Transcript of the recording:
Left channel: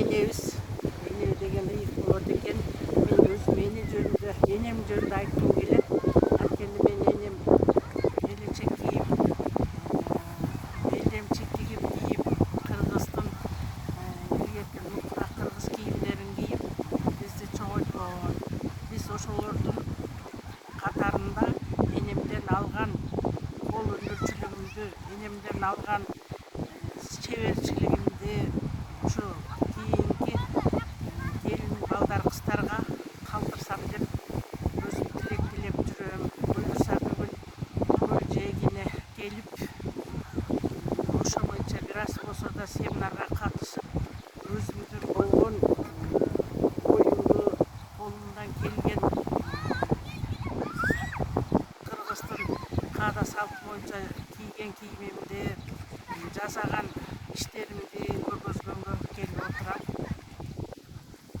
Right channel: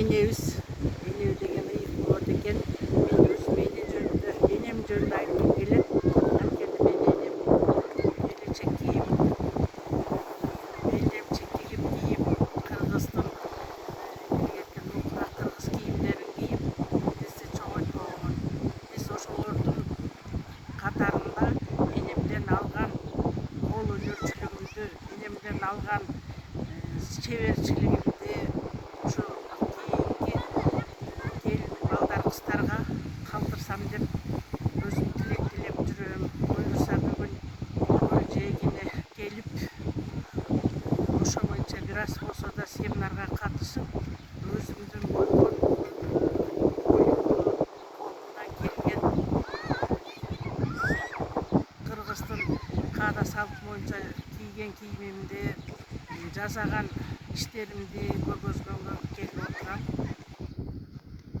энебиз деген ыйык болот экен. Мен өзүм эне жөнүндө энем жөнүндө айткым келет. Анткени мен энем белечек кийип, белдемчик тигип кийип, кыргыздын илгерки нукура кыргыз кийимдерин кийип бизди чогойткон. Биз ошолордун катарында энемден алган кол өнөрчүлүгүмдү, энемден алган чеберчилигимди ушу кийинки келин балдар кыздарга калтырсам деп өзүм тилек тилеп жүрөм. Буюрса бүгүн көл жээгине келип ошо боюнча бир аз болсо да семинарга катышып, өзүмдүн болгон оюмду, колумдан келген кыргыздын каада салт боюнча кийген кийимимди, жасаган иштеримди көргөзгөнгө келип